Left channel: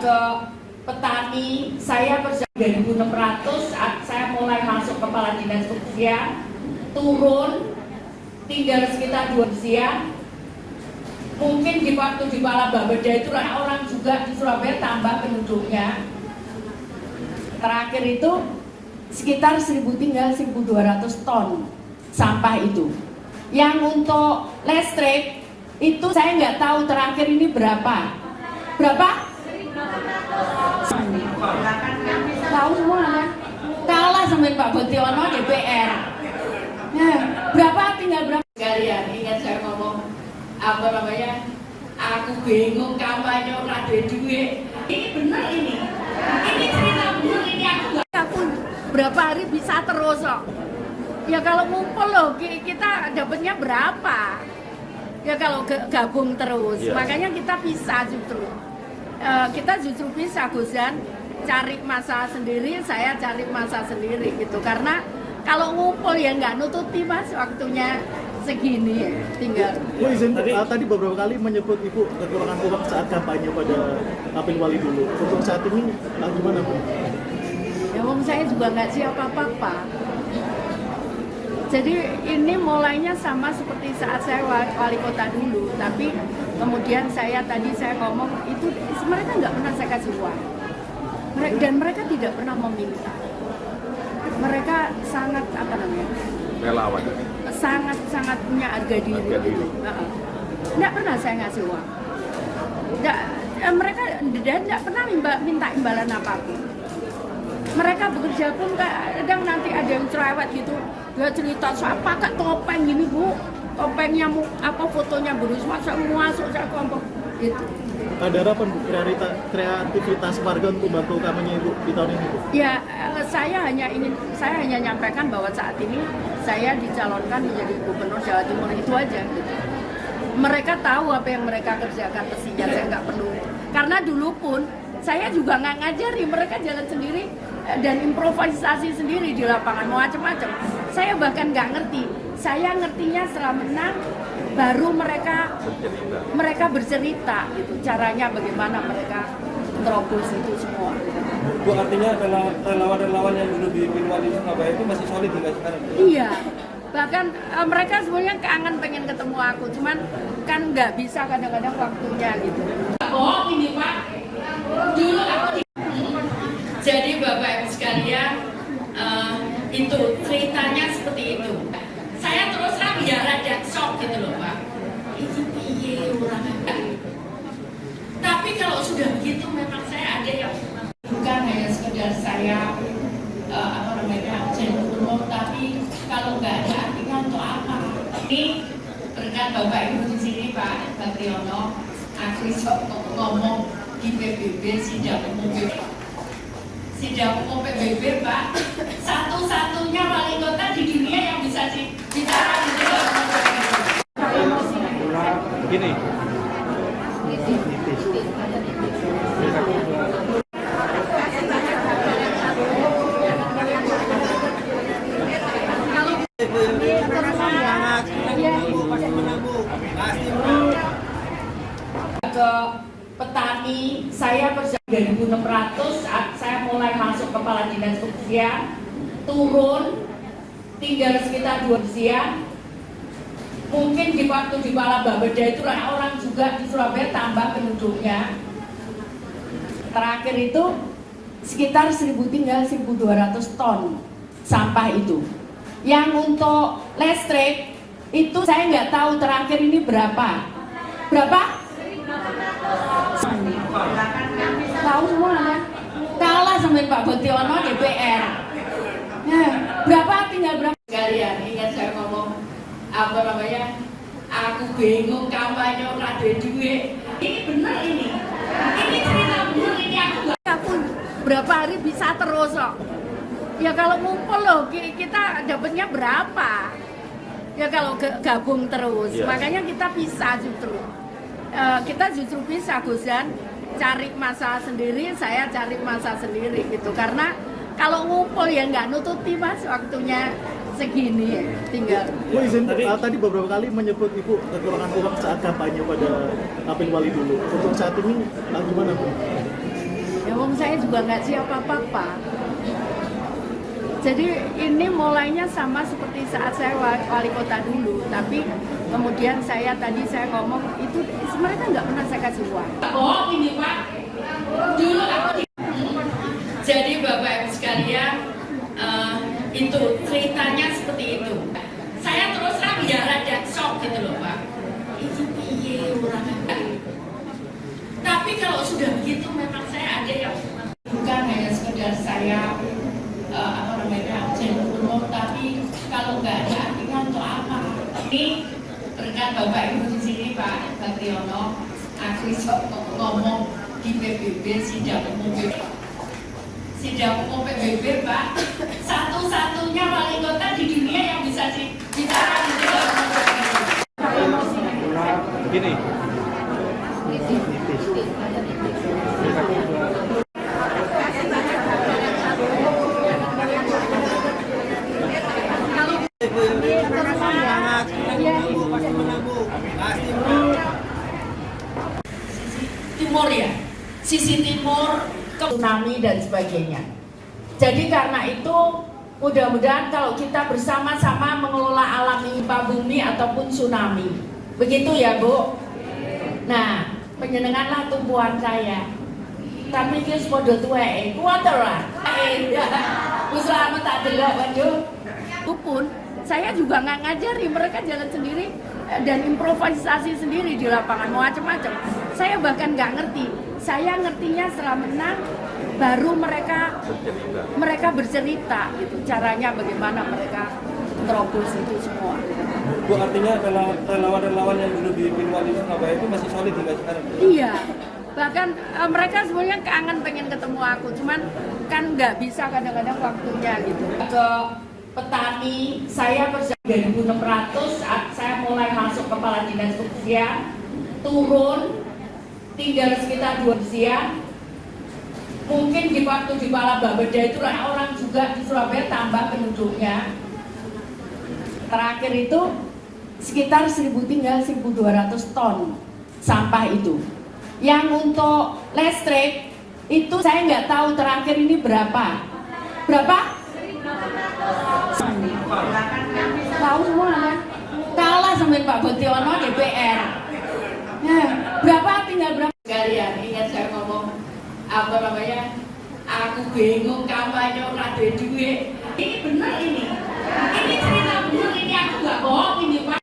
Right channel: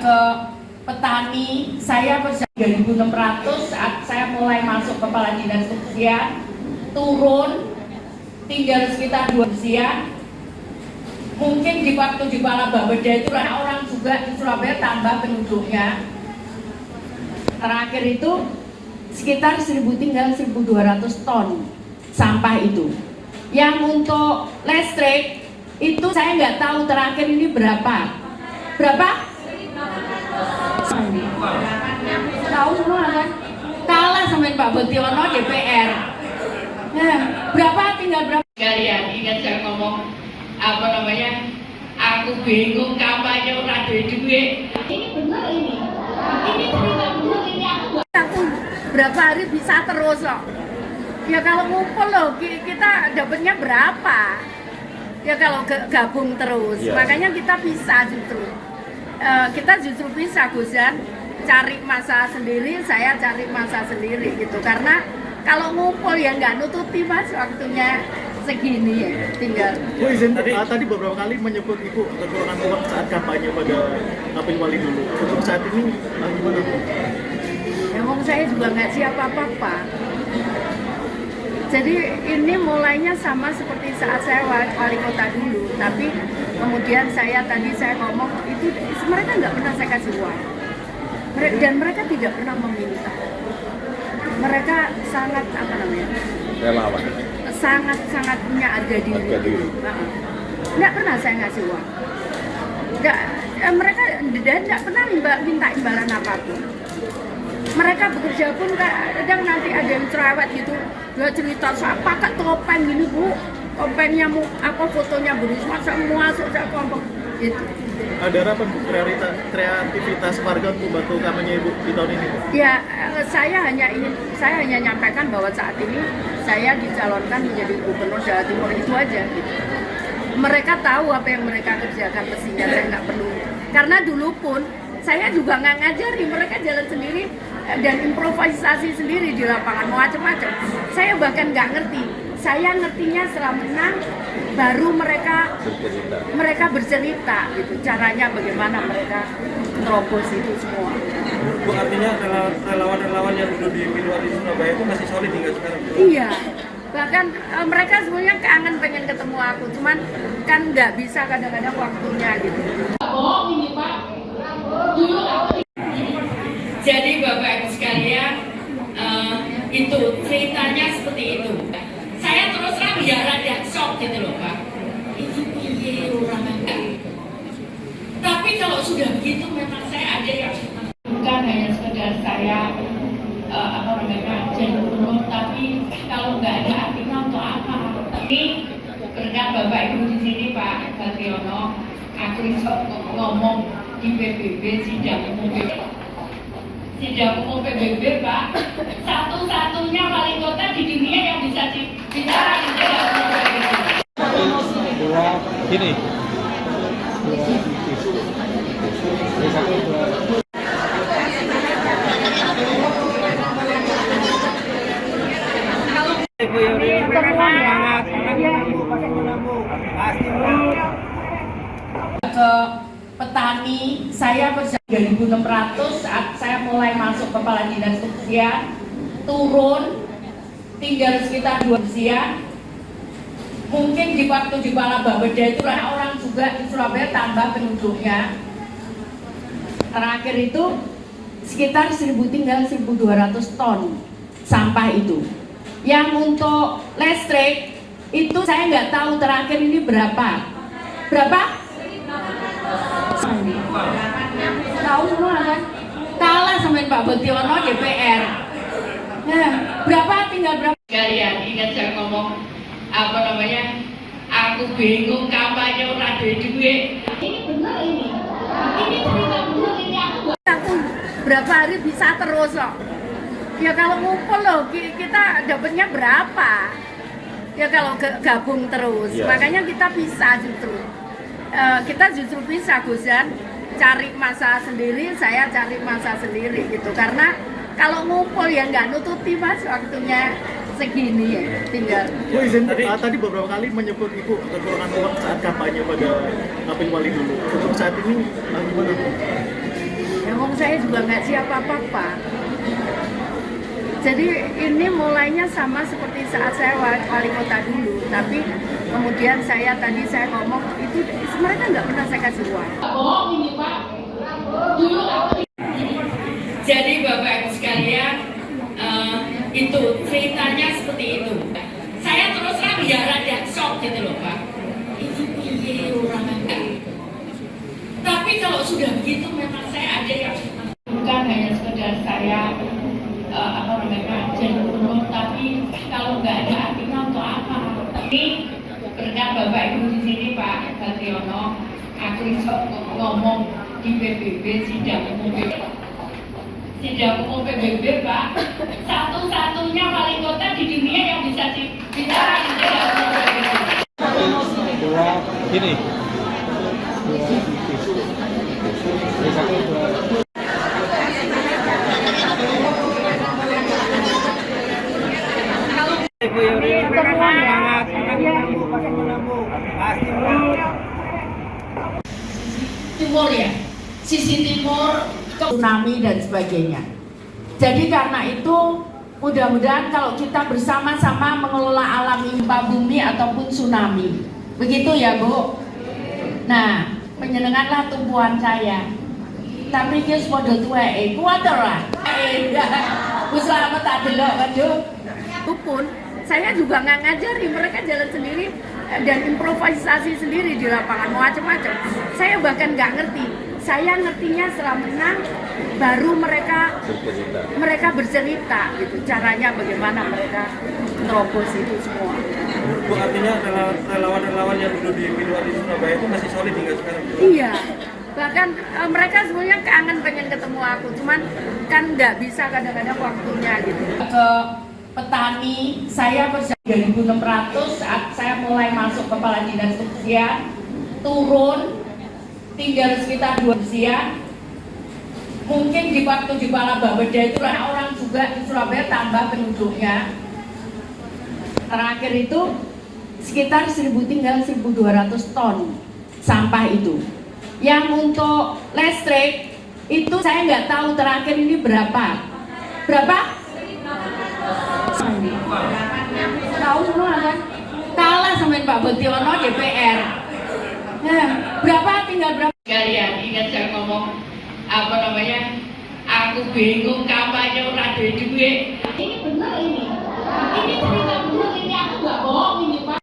ke petani, saya kerja 2.600 saat saya mulai masuk kepala dinas usia, turun tinggal sekitar 2 usia. Mungkin di waktu di kepala Bapeda itu orang juga di Surabaya tambah penduduknya. Terakhir itu sekitar 1.000 tinggal 1.200 ton sampah itu. Yang untuk listrik itu saya nggak tahu terakhir ini berapa. Berapa? Tahu semua kan? Kalah sama Pak Botiono DPR. Nah, berapa tinggal berapa? Kalian ingat saya ngomong apa namanya? Aku bingung kampanye ora duit. Ini benar ini. Ini cerita benar ini aku berapa hari bisa terus loh. Ya kalau ngumpul loh kita dapatnya berapa? Ya kalau gabung terus, makanya kita bisa justru. Kita justru bisa Gusan cari masa sendiri, saya cari masa sendiri gitu. Karena kalau ngumpul ya nggak nututi Mas waktunya segini ya tinggal. Bu izin tadi beberapa kali menyebut Ibu kurang saat kampanye pada Apil Wali dulu. Untuk saat ini gimana Bu? Ya wong saya juga nggak siapa apa-apa. Jadi ini mulainya sama seperti saat saya wali kota dulu, tapi kemudian saya ngomong itu mereka nggak pernah saya kasih uang, dan mereka tidak pernah meminta. Mereka sangat relawan, sangat punya harga diri. Gitu. Nggak pernah saya ngasih uang. Mereka nggak pernah minta imbalan apapun. Mereka bekerja pun kadang nanti ada yang cerewet gitu, dia cerita saya pakai topeng gini Bu, topengnya fotonya berisma semua saya kelompok gitu. Ada harapan kreativitas warga untuk membantu kampanye Ibu di tahun ini Bu? Ya saya hanya nyampaikan bahwa saat ini saya dicalonkan menjadi gubernur Jawa Timur, itu aja gitu. Mereka tahu apa yang mereka kerjakan, mestinya saya nggak perlu, karena dulu pun saya juga nggak ngajari, mereka jalan sendiri dan improvisasi sendiri di lapangan macam-macam. Saya bahkan nggak ngerti. Saya ngertinya setelah menang, baru mereka bercerita gitu. Caranya bagaimana mereka terobos itu semua. Bu, artinya relawan-relawan yang dulu di Pilwali Surabaya itu masih solid hingga sekarang? Iya. Bahkan mereka semuanya kangen pengen ketemu aku, cuman kan nggak bisa kadang-kadang waktunya gitu. Bohong ini Pak. Dulu aku jadi Bapak Ibu sekalian, itu ceritanya seperti itu. Saya terus terang ya rada shock gitu loh Pak. Itu piye orang gitu. Tapi kalau sudah begitu memang saya ada yang bukan hanya sekedar saya jadi gubernur, tapi kalau nggak ada artinya untuk apa? Ini berkat Bapak Ibu di sini Pak Botiono, aku bisa ngomong di PBB sidang umum Pak, satu-satunya wali kota di dunia yang bisa bicara di sidang umum PBB. Gini. Ke petani, saya kerja 2.600 saat saya mulai masuk kepala dinas usia, turun tinggal sekitar 2 usia. Mungkin di waktu di kepala Bapeda itu orang juga di Surabaya tambah penduduknya. Terakhir itu sekitar 1.000 tinggal 1.200 ton sampah itu. Yang untuk listrik itu saya nggak tahu terakhir ini berapa. Berapa? Tahu semua kan? Kalah sama Pak Botiono DPR. Nah, berapa tinggal berapa? Kalian ingat saya ngomong apa namanya? Aku bingung kampanye ora duit. Ini benar ini. Ini cerita benar ini aku berapa hari bisa terus loh. Ya kalau ngumpul loh kita dapatnya berapa? Ya kalau gabung terus, makanya kita bisa justru. Kita justru bisa Gusan cari masa sendiri, saya cari masa sendiri gitu. Karena kalau ngumpul ya nggak nututi Mas waktunya segini ya tinggal. Bu izin tadi beberapa kali menyebut Ibu kekurangan uang saat kampanye pada Apil Wali dulu. Untuk saat ini gimana Bu? Wong saya juga nggak siapa apa-apa. Jadi ini mulainya sama seperti saat saya wali kota dulu, tapi kemudian saya ngomong itu mereka nggak pernah saya kasih uang. Bohong ini Pak. Dulu aku. Jadi Bapak Ibu sekalian, itu ceritanya seperti itu. Saya terus terang ya rada shock gitu loh Pak. Itu piye orang enggak. Tapi kalau sudah begitu memang saya ada yang bukan hanya sekedar saya jadi gubernur, tapi kalau nggak ada artinya untuk apa? Ini berkat Bapak Ibu di sini Pak Bationo, aku bisa ngomong di PBB sidang umum Pak, satu-satunya wali kota di dunia yang bisa bicara di sidang umum PBB. Gini. Timur ya, sisi timur ke tsunami dan sebagainya. Jadi karena itu mudah-mudahan kalau kita bersama-sama mengelola alam gempa bumi ataupun tsunami, begitu ya Bu. Nah, penyenenganlah tumbuhan saya. Tapi ini sepodo tuweke, kuwatir lah. Wis selamat tak delok waduh. Itu pun saya juga nggak ngajari, mereka jalan sendiri dan improvisasi sendiri di lapangan macam-macam. Saya bahkan nggak ngerti. Saya ngertinya setelah menang baru mereka bercerita gitu caranya bagaimana mereka terobos itu semua. Bu, artinya relawan-relawan yang dulu di Pilwali Surabaya itu masih solid hingga sekarang? Iya, bahkan mereka semuanya kangen pengen ketemu aku, cuman kan nggak bisa kadang-kadang waktunya gitu. Ke petani, saya bersama 2.600 saat saya mulai masuk kepala dinas usia, turun tinggal sekitar 2 usia. Mungkin di waktu di Kepala Bapeda itu orang juga di Surabaya tambah penduduknya. Terakhir itu sekitar 1.200 ton sampah itu. Yang untuk listrik itu saya nggak tahu terakhir ini berapa. Berapa? Tahu semua kan? Kalah sama Pak Bationo DPR. Nah, berapa tinggal berapa? Sekalian ingat saya ngomong apa namanya? Aku bingung kampanye ora duwe duit. Ini benar ini. Ini cerita benar ini, aku nggak bohong ini Pak.